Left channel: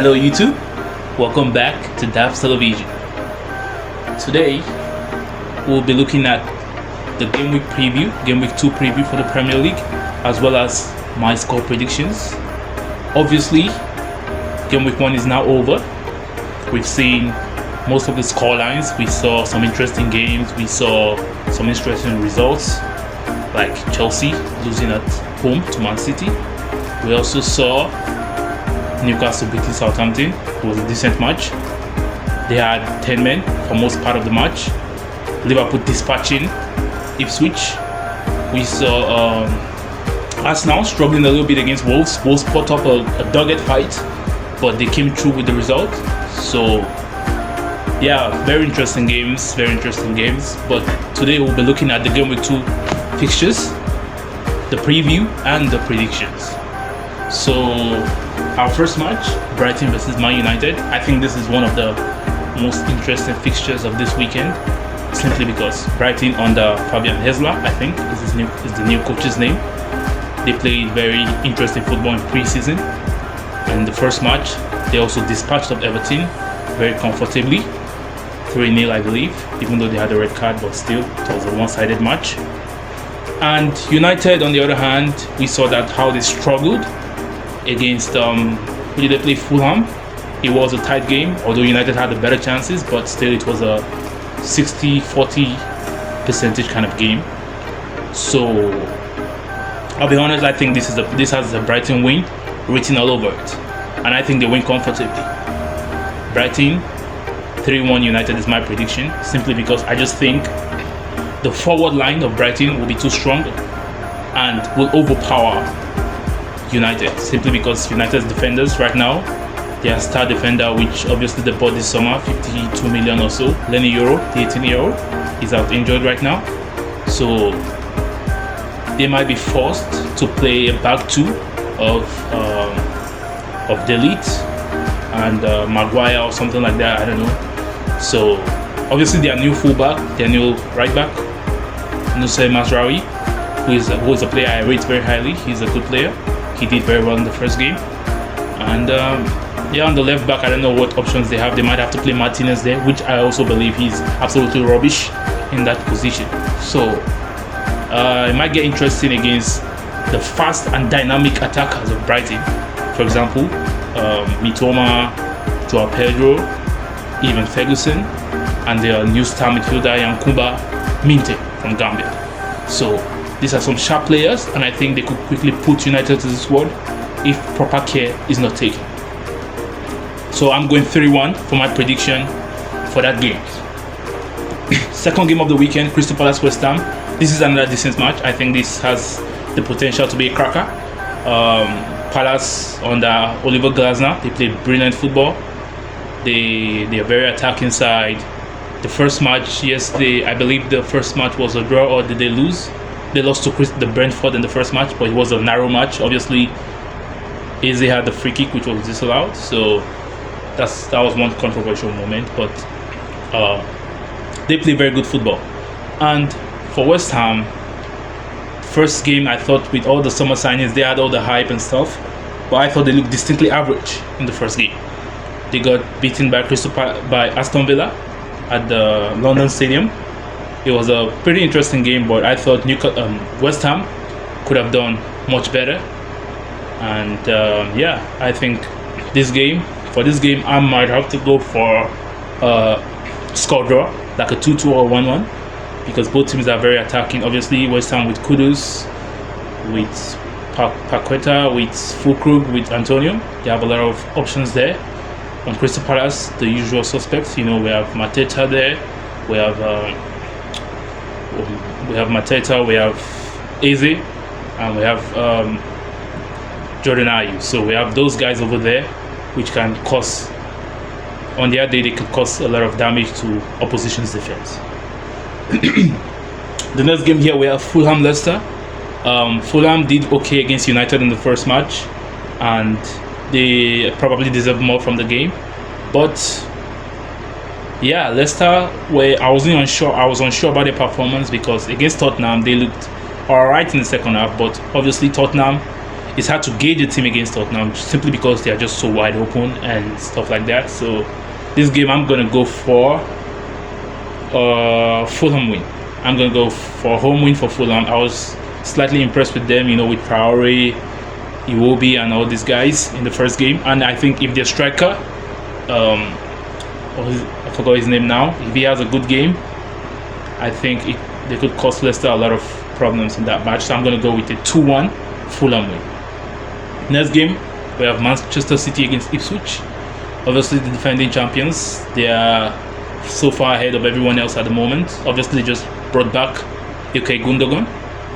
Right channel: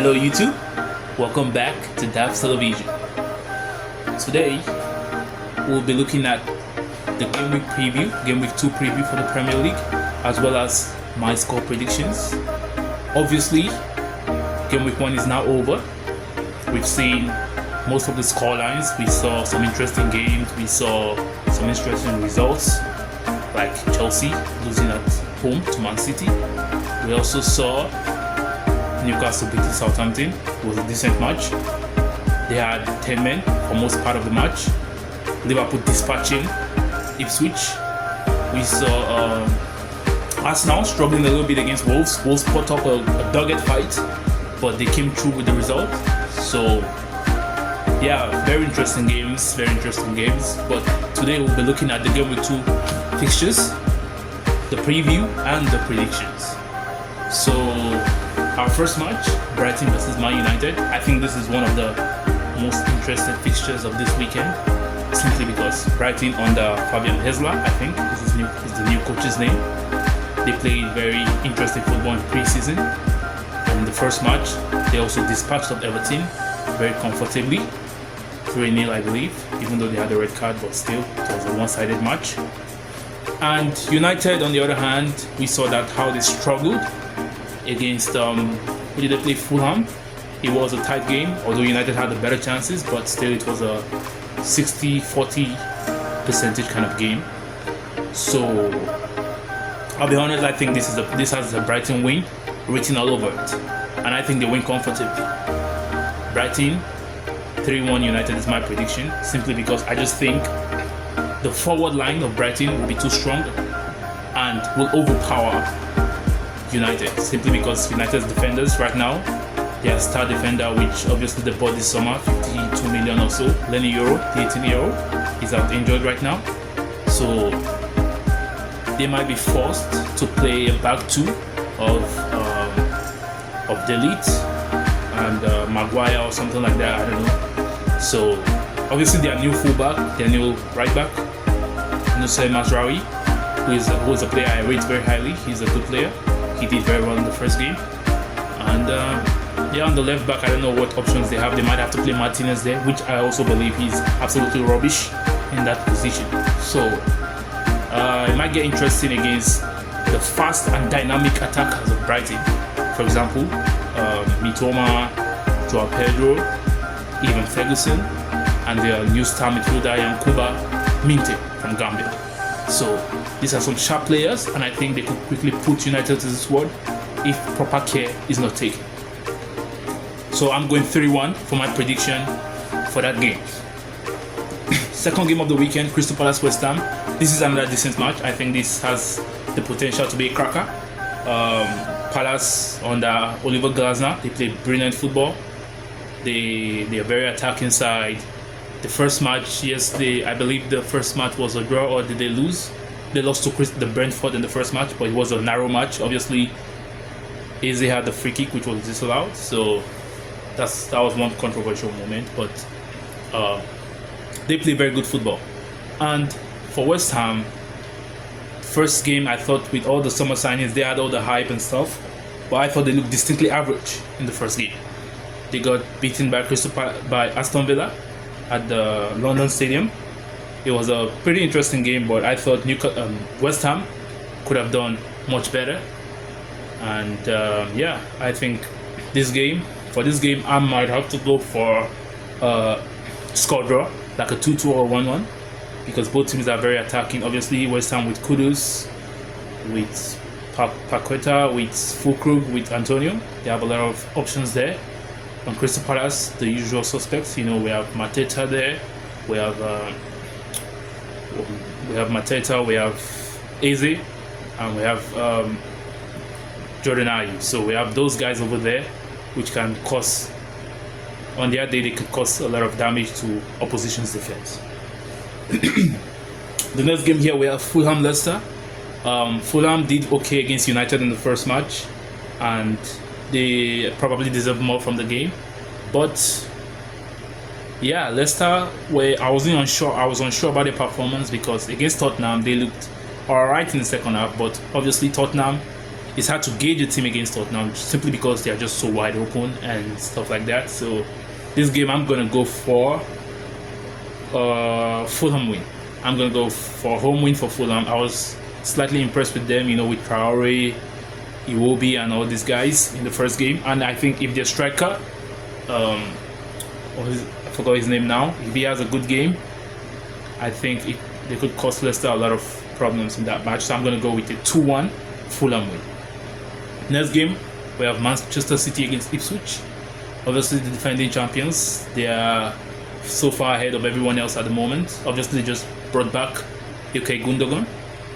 Hello YouTube, welcome back to DAF's Television. Today we'll be looking at the Game Week preview, Game Week 2 preview for the Premier League, as well as my score predictions. Obviously, Game Week 1 is now over. We've seen most of the score lines. We saw some interesting games. We saw some interesting results, like Chelsea losing at home to Man City. We also saw Newcastle beating Southampton. It was a decent match. They had 10 men for most part of the match. Liverpool dispatching Ipswich. We saw Arsenal struggling a little bit against Wolves. Wolves put up a dogged fight, but they came through with the result. So yeah, very interesting games. But today we'll be looking at the Game Week 2 fixtures, the preview and the predictions. So our first match, Brighton versus Man United. I think this is one of the most interesting fixtures of this weekend, simply because Brighton under Fabian Hesler, I think is the new coach's name. They played very interesting football in pre-season. In the first match, they also dispatched of Everton very comfortably, 3-0 I believe, even though they had a red card, but still it was a one-sided match. And United, on the other hand, we saw that how they struggled against who did they play? Fulham. It was a tight game, although United had the better chances, but still it was a 60-40 percentage kind of game. So I'll be honest, I think this has a Brighton win written all over it, and I think they win comfortably. Brighton 3-1 United is my prediction, simply because I just think the forward line of Brighton will be too strong and will overpower United, simply because United's defenders right now, their star defender, which obviously they bought this summer, 52 million or so, Lenny Euro, the 18-year-old, is out injured right now. So they might be forced to play a back two of Delete and Maguire or something like that, I don't know. So obviously their new fullback, their new right back, Nusay Mazraoui, who is a player I rate very highly. He's a good player. He did very well in the first game. And on the left back, I don't know what options they have. They might have to play Martinez there, which I also believe he's absolutely rubbish in that position. So it might get interesting against the fast and dynamic attackers of Brighton. For example, Mitoma, Joao Pedro, even Ferguson, and their new star midfielder Yankuba Minte from Gambia. So these are some sharp players, and I think they could quickly put United to the sword if proper care is not taken. So I'm going 3-1 for my prediction for that game. Second game of the weekend, Crystal Palace West Ham. This is another decent match. I think this has the potential to be a cracker. Palace under Oliver Glasner, they play brilliant football. They are very attacking side. The first match yesterday, I believe the first match was a draw, or did they lose? They lost to the Brentford in the first match, but it was a narrow match. Obviously, Eze had the free kick, which was disallowed. So that was one controversial moment. But they play very good football. And for West Ham, first game, I thought with all the summer signings, they had all the hype and stuff, but I thought they looked distinctly average in the first game. They got beaten by Aston Villa at the London Stadium. It was a pretty interesting game, but I thought West Ham could have done much better. And I think for this game, I might have to go for a score draw, like a 2-2 or 1-1, because both teams are very attacking. Obviously, West Ham with Kudus, with Paqueta, with Fulkrug, with Antonio. They have a lot of options there. On Crystal Palace, the usual suspects. We have Mateta there. We have Mateta. We have Eze, and we have Jordan Ayew. So we have those guys over there, which can cause. On the other day, they could cause a lot of damage to opposition's defense. The next game here, we have Fulham Leicester. Fulham did okay against United in the first match, and they probably deserve more from the game. But yeah, Leicester, where I was unsure about their performance, because against Tottenham they looked alright in the second half, but obviously Tottenham it's hard to gauge a team against Tottenham simply because they are just so wide open and stuff like that. So this game I'm gonna go for Fulham win. I'm gonna go for home win for Fulham. I was slightly impressed with them, with Traore, Iwobi, and all these guys in the first game. And I think if their striker, I forgot his name now, if he has a good game, I think they could cause Leicester a lot of problems in that match. So I'm gonna go with a 2-1 Fulham win. Next game, we have Manchester City against Ipswich. Obviously, the defending champions. They are so far ahead of everyone else at the moment. Obviously, they just brought back Ilkay Gundogan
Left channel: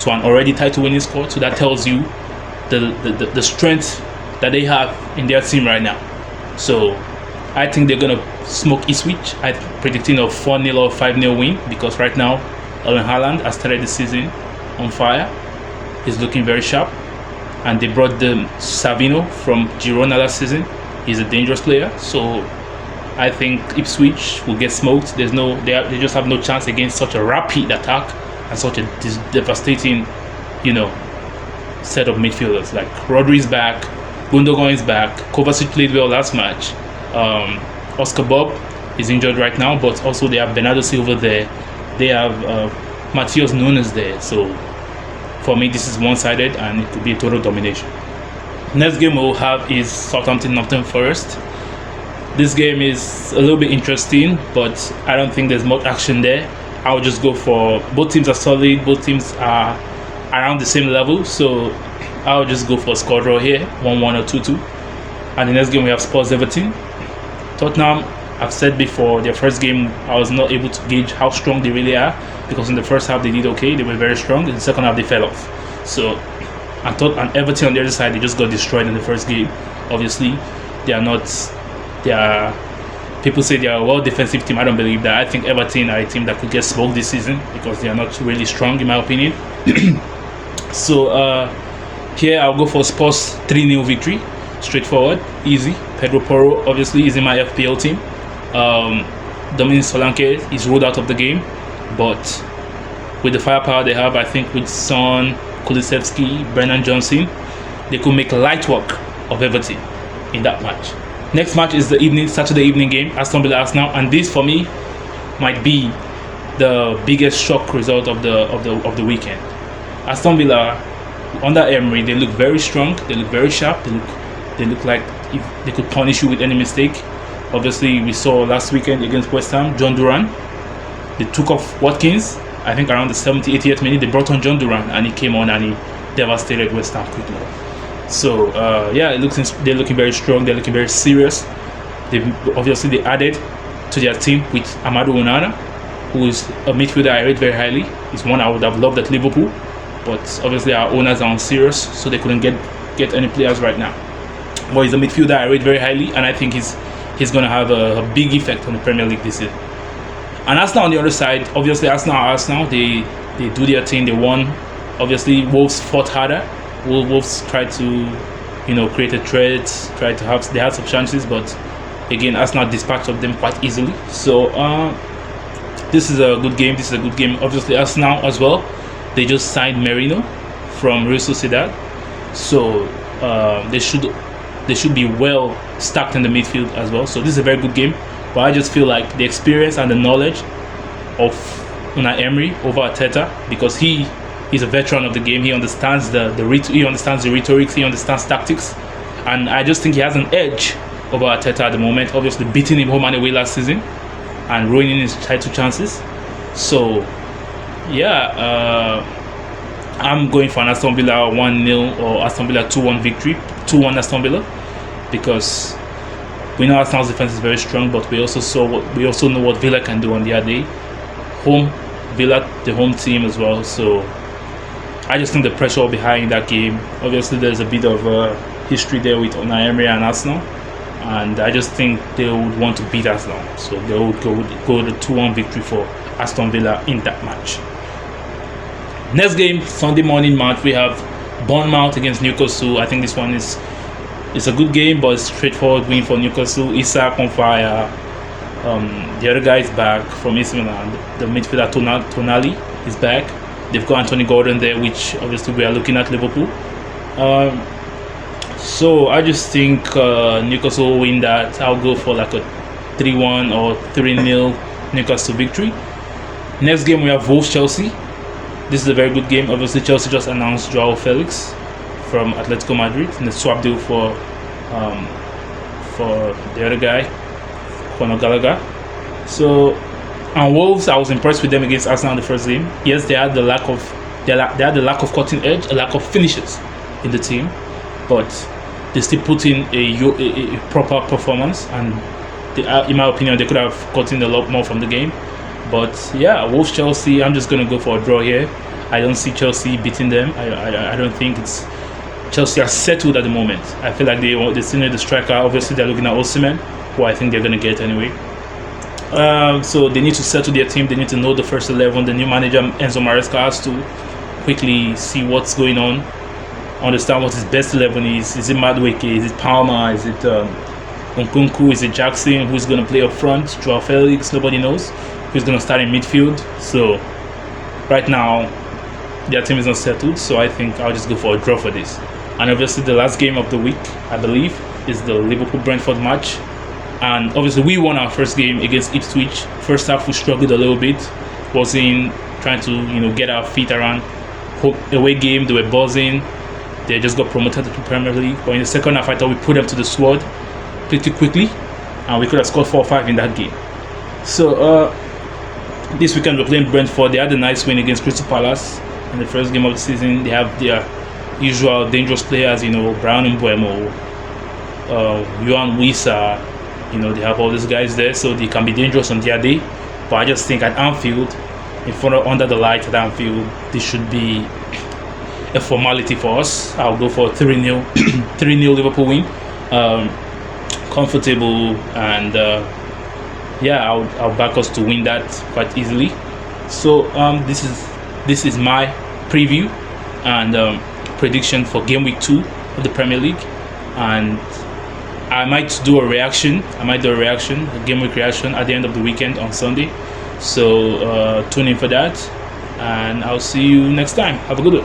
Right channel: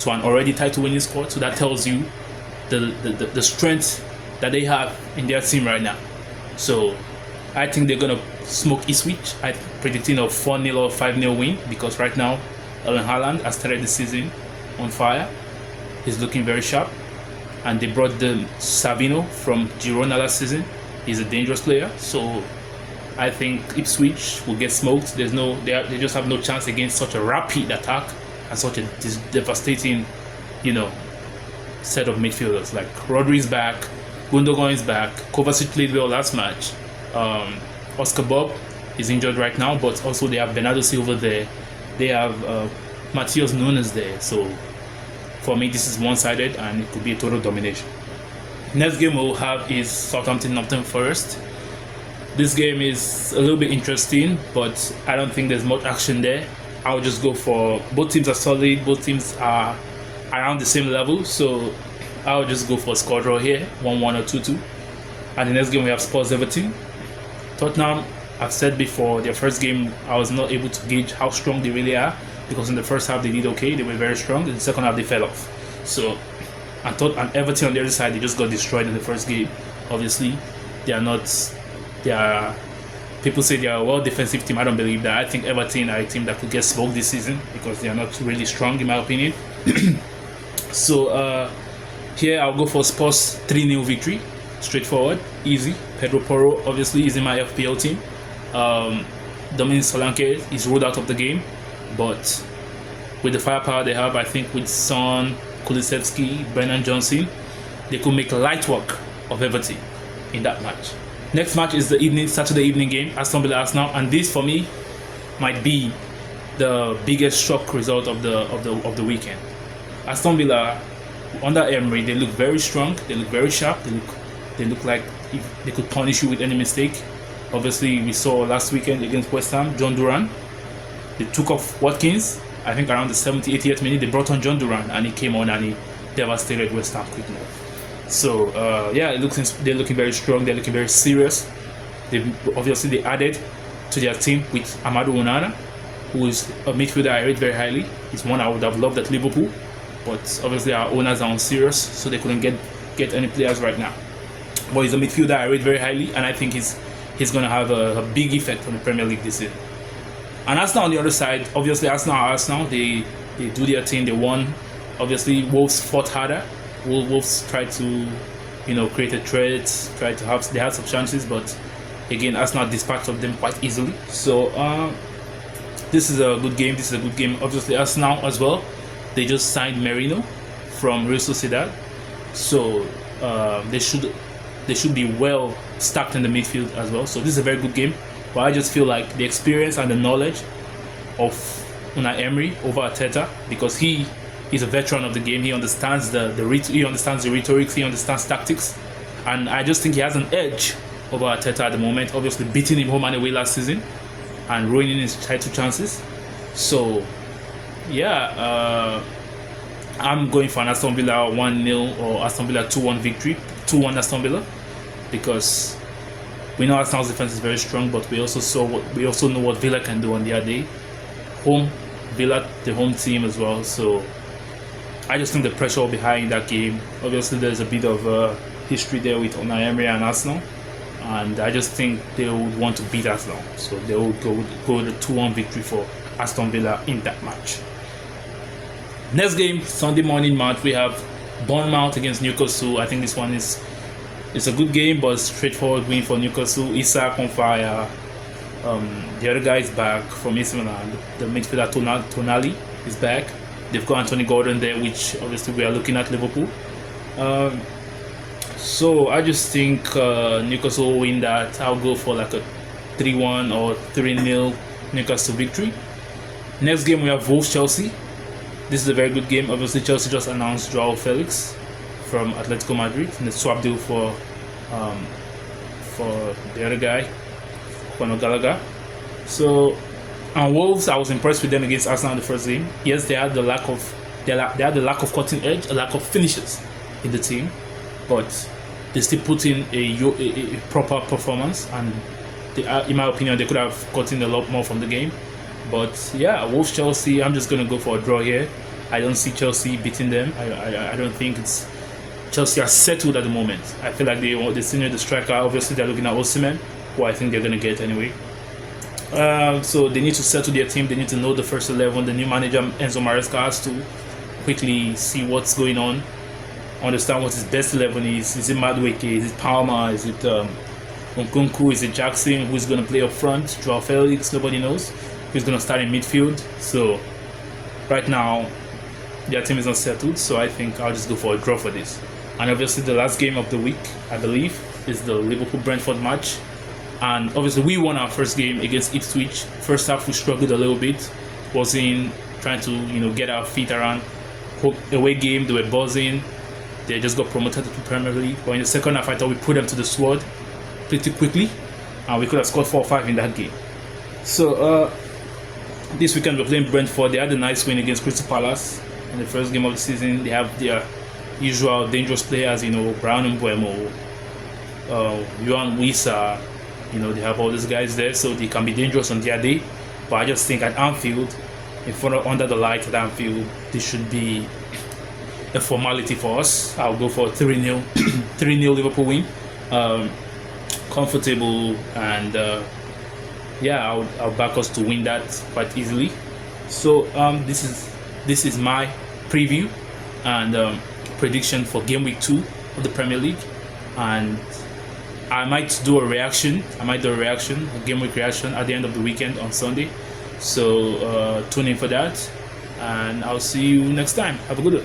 to an already title-winning squad. So that tells you the strength that they have in their team right now. So I think they're going to smoke Ipswich. I'm predicting a 4-0 or 5-0 win because right now, Erling Haaland has started the season on fire. He's looking very sharp. And they brought the Savino from Girona last season. He's a dangerous player. So I think Ipswich will get smoked. They just have no chance against such a rapid attack and such a devastating, set of midfielders. Like Rodri's back, Gundogan is back, Kovacic played well last match. Oscar Bob is injured right now, but also they have Bernardo Silva there. They have Matheus Nunes there. So for me, this is one-sided and it could be a total domination. Next game we'll have is Southampton-Nottingham Forest. This game is a little bit interesting, but I don't think there's much action there. I'll just go for both teams are solid, both teams are around the same level, so I'll just go for a score draw here, 1-1 or 2-2. And the next game we have Spurs-Everton. Tottenham, I've said before, their first game I was not able to gauge how strong they really are because in the first half they did okay, they were very strong. In the second half they fell off. So and Everton on the other side, they just got destroyed in the first game. Obviously, people say they are a well defensive team. I don't believe that. I think Everton are a team that could get smoked this season because they are not really strong in my opinion. So here I'll go for Spurs 3-0 victory. Straightforward, easy. Pedro Porro obviously is in my FPL team. Dominic Solanke is ruled out of the game, but with the firepower they have, I think with Son, Kulusevski, Brennan Johnson, they could make light work of Everton in that match. Next match is the Saturday evening game, Aston Villa Arsenal, and this for me might be the biggest shock result of the weekend. Aston Villa under Emery, they look very strong, they look very sharp, they look like if they could punish you with any mistake. Obviously, we saw last weekend against West Ham, John Duran. They took off Watkins. I think around the 70th, 80th minute, they brought on John Duran, and he came on and he devastated West Ham quickly. So they're looking very strong. They're looking very serious. They added to their team with Amadou Onana, who is a midfielder I rate very highly. He's one I would have loved at Liverpool, but obviously our owners are on serious, so they couldn't get any players right now. But he's a midfielder I rate very highly, and I think he's going to have a big effect on the Premier League this year. And Arsenal on the other side, obviously Arsenal, they do their thing, they won. Obviously Wolves fought harder. Wolves tried to, create a threat, they had some chances, but again Arsenal dispatched of them quite easily. So this is a good game. Obviously Arsenal as well, they just signed Merino from Real Sociedad, so they should be well stacked in the midfield as well. So this is a very good game. But I just feel like the experience and the knowledge of Unai Emery over Arteta, because he is a veteran of the game. He understands he understands the rhetorics, he understands tactics, and I just think he has an edge over Arteta at the moment. Obviously, beating him home and away last season and ruining his title chances. So, I'm going for an Aston Villa 1-0 or Aston Villa 2-1 victory, 2-1 Aston Villa, because we know Arsenal's defense is very strong, but we also know what Villa can do on the other day. Villa, the home team as well. So I just think the pressure will be high in that game. Obviously, there's a bit of history there with Unai Emery and Arsenal, and I just think they would want to beat Arsenal. So they would go with the 2-1 victory for Aston Villa in that match. Next game, Sunday morning match, we have Bournemouth against Newcastle. I think this one is a good game, but it's straightforward win for Newcastle. Isak on fire. The other guy is back from AC Milan. The midfielder Tonali is back. They've got Anthony Gordon there, which obviously we are looking at Liverpool. So I just think Newcastle will win that. I'll go for like a 3-1 or 3-0 Newcastle victory. Next game we have Wolves Chelsea. This is a very good game. Obviously, Chelsea just announced Joao Felix from Atletico Madrid in the swap deal for the other guy, Conor Gallagher. So, and Wolves, I was impressed with them against Arsenal in the first game. Yes, they had the lack of cutting edge, a lack of finishes in the team, but they still put in a proper performance, and in my opinion, they could have gotten a lot more from the game. But yeah, Wolves Chelsea, I'm just gonna go for a draw here. I don't see Chelsea beating them. I don't think it's Chelsea are settled at the moment. I feel like they still need the striker. Obviously, they're looking at Osimhen, who I think they're gonna get anyway. So they need to settle their team. They need to know the first 11. The new manager Enzo Maresca has to quickly see what's going on, understand what his best 11 is. Is it Madueke? Is it Palmer? Is it Nkunku? Is it Jackson? Who's going to play up front? Joao Felix? Nobody knows. Who's going to start in midfield? So right now, their team is not settled. So I think I'll just go for a draw for this. And obviously, the last game of the week, I believe, is the Liverpool-Brentford match. And obviously, we won our first game against Ipswich. First half, we struggled a little bit. Was in trying to get our feet around. Away game, they were buzzing. They just got promoted to Premier League. But in the second half, I thought we put them to the sword pretty quickly, and we could have scored 4 or 5 in that game. So this weekend we're playing Brentford. They had a nice win against Crystal Palace in the first game of the season. They have their usual dangerous players, Brown and Buemo, Johan Wissa. They have all these guys there, so they can be dangerous on their day. But I just think at Anfield, under the light at Anfield, this should be a formality for us. I'll go for 3-0 3-0 Liverpool win. Comfortable, and I'll back us to win that quite easily. So this is my preview and prediction for game week 2 of the Premier League, and I might do a reaction. A game week reaction at the end of the weekend on Sunday. So tune in for that, and I'll see you next time. Have a good one.